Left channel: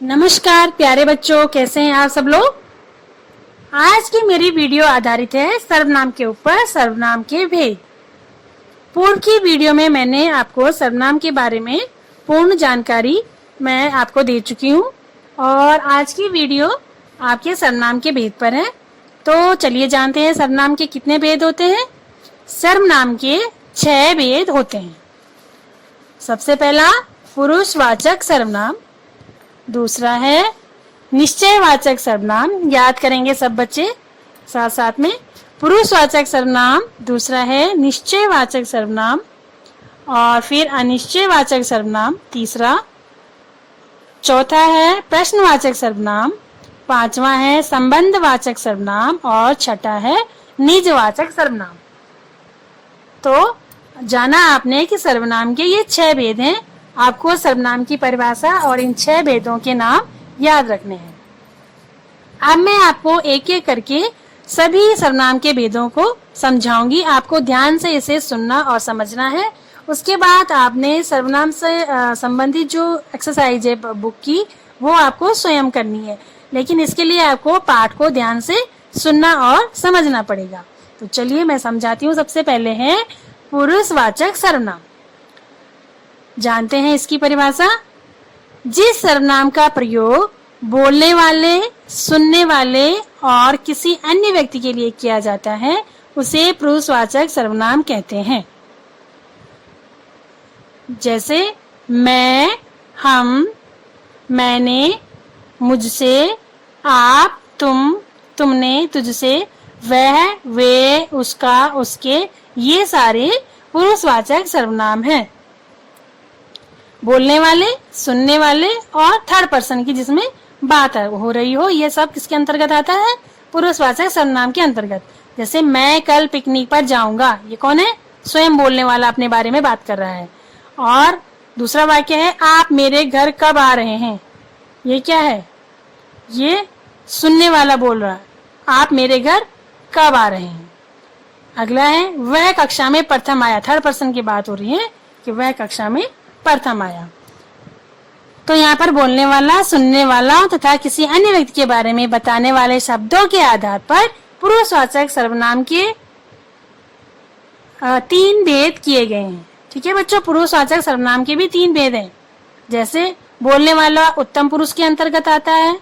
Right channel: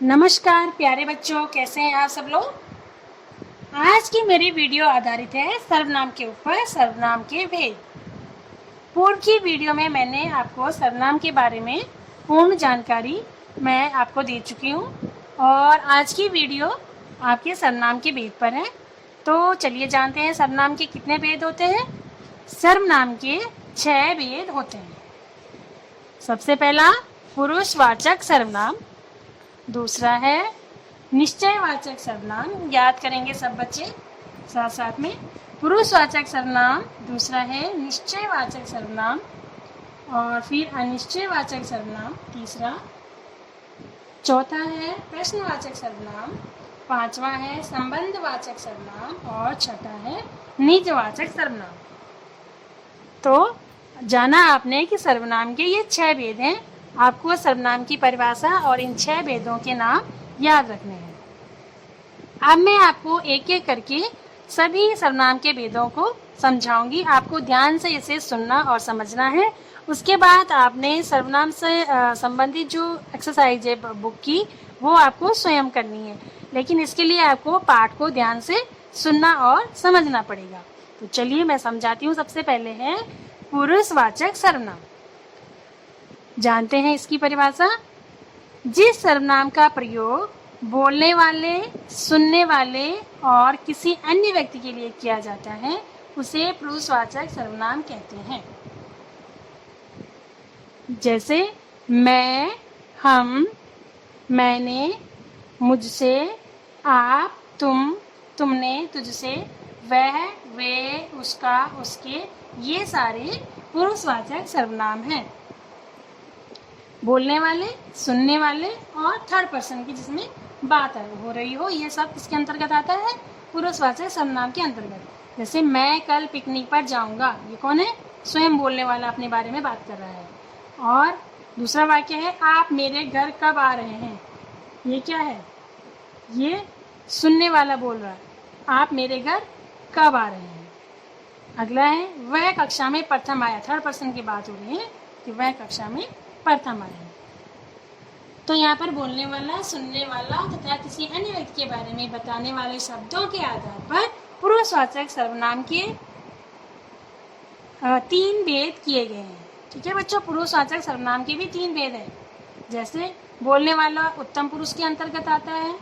नमस्कार प्यारे बच्चों, कैसे हैं आप सब लोग। आज की मेरी वीडियो आधारित है सर्वनाम के ऊपर, सर्वनाम के भेद। पूर्व की वीडियो में मैंने आपको सर्वनाम के बारे में पूर्ण जानकारी मैं आपको दे चुकी हूँ और आज की वीडियो आपके सर्वनाम के भेद पर है। तो चलिए जानते हैं सर्वनाम के कितने भेद होते हैं। सर्वनाम के 6 भेद होते हैं। सबसे पहला पुरुषवाचक सर्वनाम, दूसरा है निश्चयवाचक सर्वनाम। याद करेंगे सब बच्चे साथ साथ में। पुरुषवाचक सर्वनाम, दूसरा है निश्चयवाचक सर्वनाम और फिर अनिश्चयवाचक सर्वनाम तीसरा, चौथा है प्रश्नवाचक सर्वनाम, पांचवा है संबंधवाचक सर्वनाम और छठा है निजवाचक सर्वनाम। तो जाना आपने कि सर्वनाम के ये 6 भेद हैं। आपको सर्वनाम की परिभाषा और इन 6 भेदों के नाम याद रखने हैं। अब मैं आपको एक एक करके सभी सर्वनाम के भेदों को समझाऊंगी। आपको ध्यान से इसे सुनना और समझना है। उसके बाद आपने सर्वनाम से संबंधित जो एक्सरसाइज है बुक की, वो आपको स्वयं करनी है, लेकिन इसके लिए आपको पाठ को ध्यान से सुनना और समझना पड़ेगा। तो चलिए मैं समझाती हूँ। सबसे पहले है पुरुषवाचक सर्वनाम। जानते हैं इसकी परिभाषा। जिस सर्वनाम का प्रयोग बोलने वाले, सुनने वाले और किसी अन्य व्यक्ति के लिए किया जाता है उसे पुरुषवाचक सर्वनाम कहते हैं। जैसे मैं, हम, मैंने, मुझसे, आप, तुम, तुमने, तुझसे, वह, वे, उसका, उसके, ये सारे पुरुषवाचक सर्वनाम हैं। बोलने वाले, सुनने वाले और थर्ड पर्सन की जिसमें बात हो रही हो, ये सब किसके अंतर्गत आता है? पुरुषवाचक सर्वनाम के अंतर्गत। जैसे मैं कल पिकनिक पर जाऊंगा, ये कौन है? स्वयं बोलने वाला अपने बारे में बात कर रहा है। और दूसरा वाक्य है आप मेरे घर कब आ रहे हैं, ये क्या है? ये सुनने वाला बोल रहा है, आप मेरे घर कब आ रहे हैं। अगला है वह कक्षा में प्रथम आया। थर्ड पर्सन की बात हो रही है कि वह कक्षा में प्रथम आया। तो यहाँ पर बोलने वाला, सुनने वाला तथा किसी अन्य व्यक्ति के बारे में बताने वाले शब्दों के आधार पर पुरुषवाचक सर्वनाम के 3 भेद किए गए हैं। ठीक है बच्चों, पुरुषवाचक सर्वनाम के भी 3 भेद हैं। जैसे बोलने वाला उत्तम पुरुष के अंतर्गत आता है,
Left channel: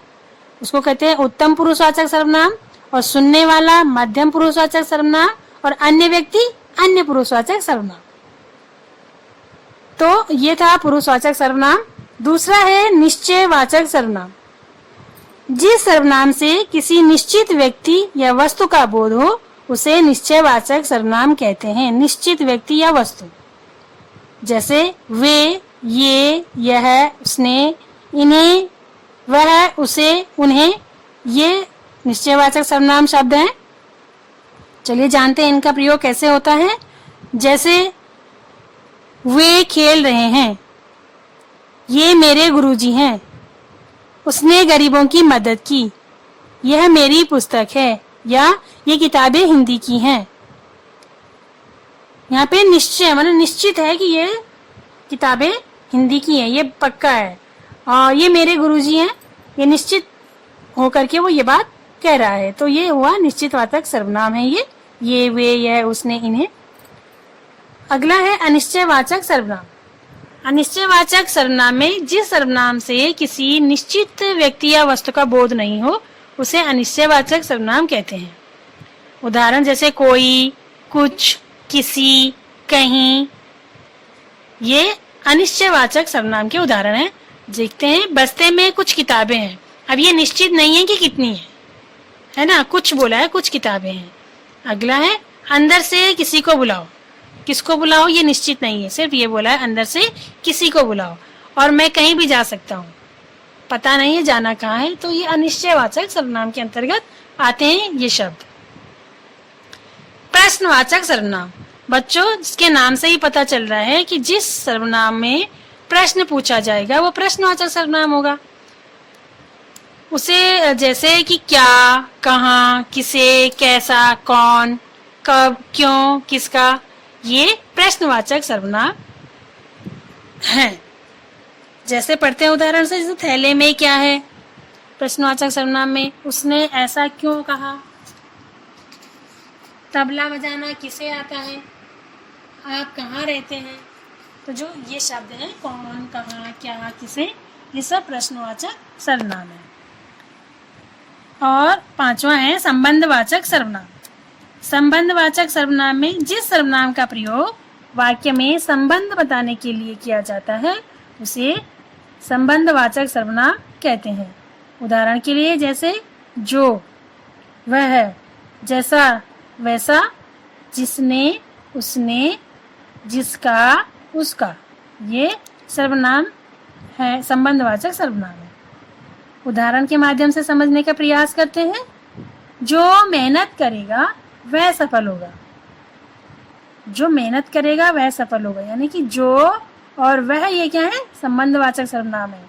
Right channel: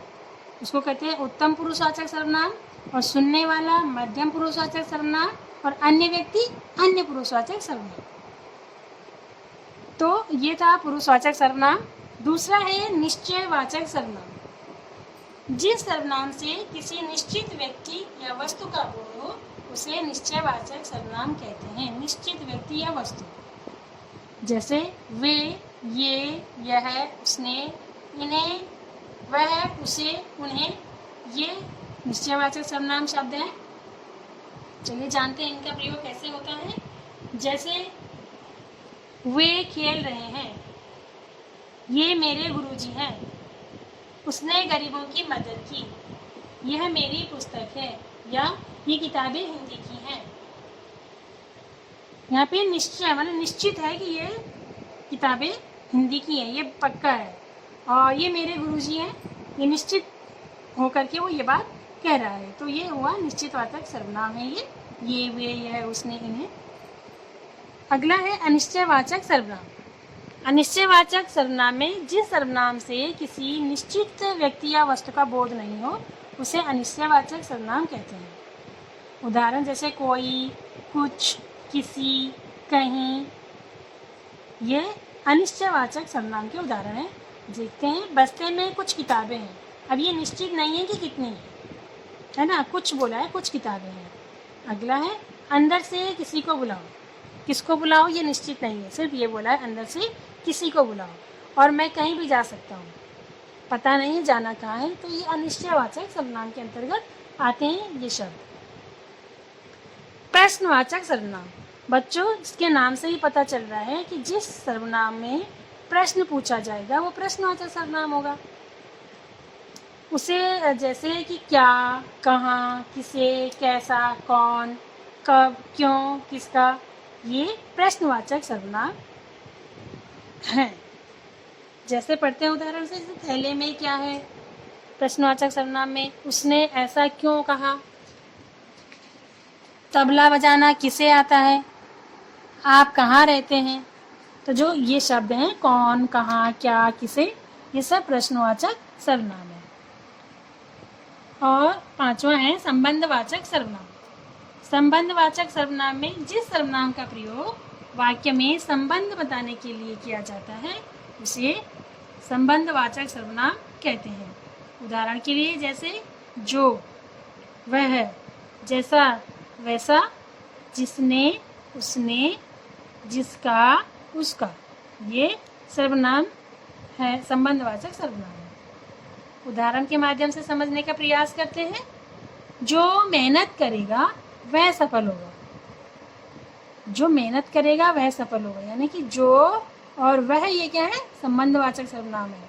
उसको कहते हैं उत्तम पुरुषवाचक सर्वनाम, और सुनने वाला मध्यम पुरुषवाचक सर्वनाम और अन्य व्यक्ति अन्य पुरुषवाचक सर्वनाम। तो ये था पुरुषवाचक सर्वनाम। दूसरा है निश्चयवाचक सर्वनाम। जिस सर्वनाम से किसी निश्चित व्यक्ति या वस्तु का बोध हो उसे निश्चयवाचक सर्वनाम कहते हैं। निश्चित व्यक्ति या वस्तु, जैसे वे, ये, यह, उसने, इन्हें, वह, उसे, उन्हें, ये निश्चयवाचक सर्वनाम शब्द हैं। चलिए जानते हैं इनका प्रयोग कैसे होता है। जैसे वे खेल रहे हैं, ये मेरे गुरुजी हैं, उसने गरीबों की मदद की, यह मेरी पुस्तक है, या ये किताबें हिंदी की हैं। यहाँ पे निश्चय मतलब निश्चित है कि ये किताबें हिंदी की हैं, ये पक्का है। और ये मेरे गुरुजी हैं, ये निश्चित होकर के वो ये बात कह रहा है। तो ये हुआ निश्चितवाचक सर्वनाम है ये, वे, यह, उसने, इन्हें। अगला है अनिश्चयवाचक सर्वनाम। अनिश्चयवाचक सर्वनाम में जिस सर्वनाम से किसी निश्चित व्यक्ति या वस्तु का बोध नहीं हो उसे अनिश्चयवाचक सर्वनाम कहते हैं। उदाहरण जैसे कोई, कुछ, किसी, कहीं, ये अनिश्चयवाचक सर्वनाम के उदाहरण हैं। देखते हैं, बस्ते में कुछ किताबें हैं। अब ये निश्चित नहीं है कि कितनी है ना, कुछ बोला है, कुछ किताबें हैं। अगला है अंदर से किसी को बुलाओ। किसको बुलाओ ये निश्चित नहीं है, सिर्फ ये बोला है अंदर से किसी को बुलाओ। और मैं कहीं भी जा सकता हूँ, पता नहीं है जाना कहाँ है। तो ये अनिश्चयवाचक सर्वनाम के अंतर्गत आते हैं ये शब्द। प्रश्नवाचक सर्वनाम, बच्चों इसके नाम से ही पता चल रहा है कि जिस सर्वनाम में प्रश्न पूछा जाएगा वो प्रश्नवाचक सर्वनाम होगा। उसे जैसे कि क्या, कहाँ, किसे, कैसा, कौन, कब, क्यों, किसका, ये प्रश्नवाचक सर्वनाम हैं। जैसे पढ़ते हैं उदाहरण से, जैसे थैले में क्या है, प्रश्नवाचक सर्वनाम में उसने ऐसा क्यों कहा। तबला बजाना किसे आता है, आप कहाँ रहते हैं। तो जो ये शब्द हैं कौन, कहाँ, क्या, किसे, ये सब प्रश्नवाचक सर्वनाम है। और पांचवा है संबंधवाचक सर्वनाम। संबंधवाचक सर्वनाम में जिस सर्वनाम का प्रयोग वाक्य में संबंध बताने के लिए किया जाता है उसे संबंधवाचक सर्वनाम कहते हैं। उदाहरण के लिए जैसे जो, वह, जैसा, वैसा, जिसने, उसने, जिसका, उसका, ये सर्वनाम है, संबंधवाचक सर्वनाम है। उदाहरण के माध्यम से समझने का प्रयास करते हैं। जो मेहनत करेगा वह सफल होगा। जो मेहनत करेगा वह सफल होगा, यानी कि जो और वह ये क्या है, संबंधवाचक सर्वनाम है।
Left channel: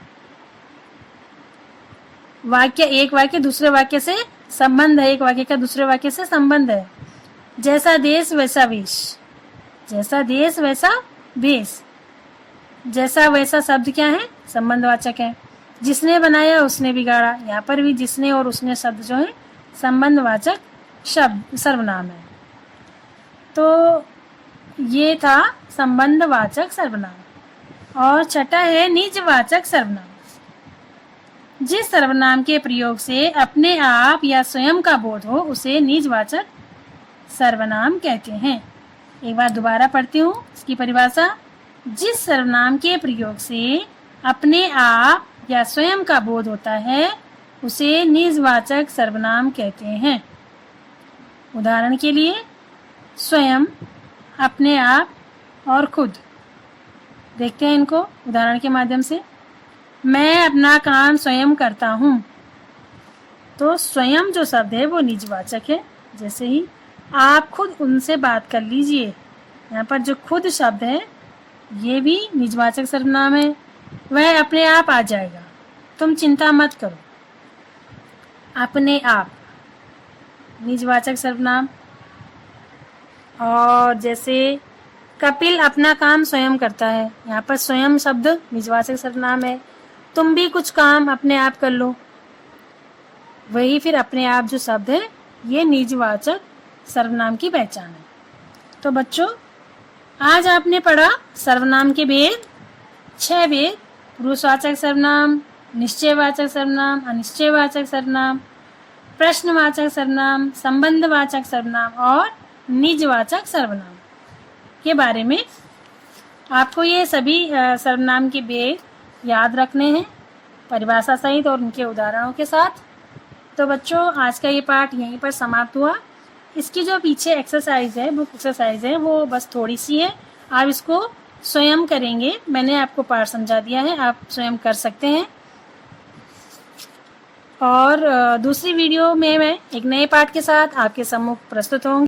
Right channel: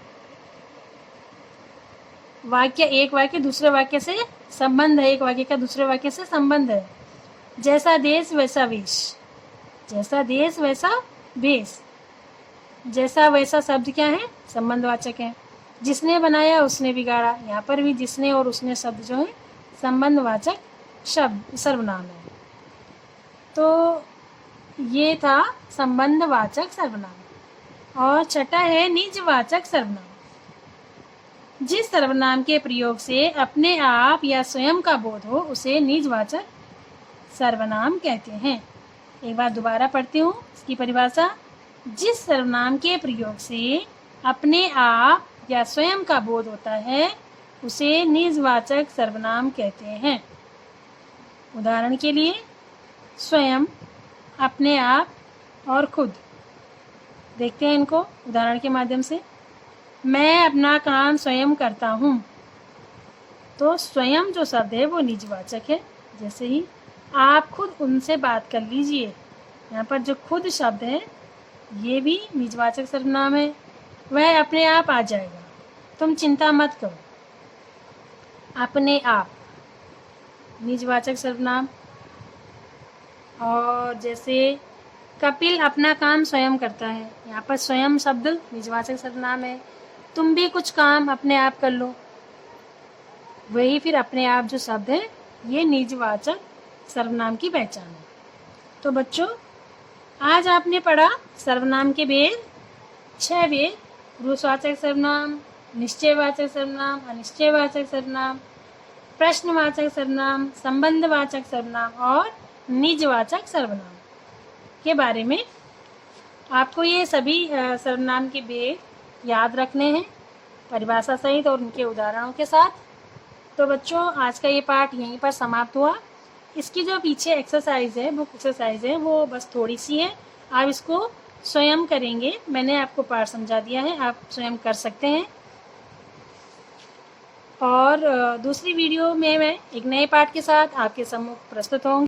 वाक्य, एक वाक्य दूसरे वाक्य से संबंध है, एक वाक्य का दूसरे वाक्य से संबंध है। जैसा देश वैसा वेश, जैसा देश वैसा भेष। जैसा वैसा शब्द क्या है, संबंधवाचक है। जिसने बनाया उसने बिगाड़ा, यहाँ पर भी जिसने और उसने शब्द जो है संबंधवाचक शब्द सर्वनाम है। तो ये था संबंधवाचक सर्वनाम। और छठा है निजवाचक सर्वनाम। जिस सर्वनाम के प्रयोग से अपने आप या स्वयं का बोध हो उसे निजवाचक सर्वनाम कहते हैं। एक बार दोबारा पढ़ती हूँ इसकी परिभाषा। जिस सर्वनाम के प्रयोग से अपने आप या स्वयं का बोध होता है उसे निजवाचक सर्वनाम कहते हैं। उदाहरण के लिए स्वयं, अपने आप और खुद। देखते हैं इनको उदाहरण के माध्यम से। मैं अपना काम स्वयं करता हूँ। तो स्वयं जो शब्द है वो निजवाचक है। जैसे ही आप खुद उनसे बात कर लीजिए, यहाँ पर जो खुद शब्द है ये भी निजवाचक सर्वनाम है। वह अपने आप आ जाएगा, तुम चिंता मत करो। अपने आप निजवाचक सर्वनाम। और जैसे कपिल अपना काम स्वयं करता है, यहाँ पर स्वयं शब्द निजवाचक सर्वनाम है। तुम भी कुछ काम अपने आप कर लो, वही फिर अपने आप जो शब्द है ये निजवाचक सर्वनाम की पहचान है। तो बच्चों आज आपने पढ़ा सर्वनाम के भेद, 6 भेद: पुरुषवाचक सर्वनाम, निश्चयवाचक सर्वनाम, अनिश्चयवाचक सर्वनाम, प्रश्नवाचक सर्वनाम, संबंधवाचक सर्वनाम और निजवाचक सर्वनाम के बारे में। आपको ये सभी सर्वनाम के भेद याद रखने हैं परिभाषा सहित और उनके उदाहरणों के साथ। तो बच्चों आज का ये पाठ यहीं पर समाप्त हुआ। इसकी जो पीछे एक्सरसाइज है, बुक एक्सरसाइज है, वो बस थोड़ी सी है। आप इसको स्वयं करेंगे। मैंने आपको पाठ समझा दिया है, आप स्वयं कर सकते हैं। और दूसरी वीडियो में मैं एक नए पाठ के साथ आपके सम्मुख प्रस्तुत होंगी।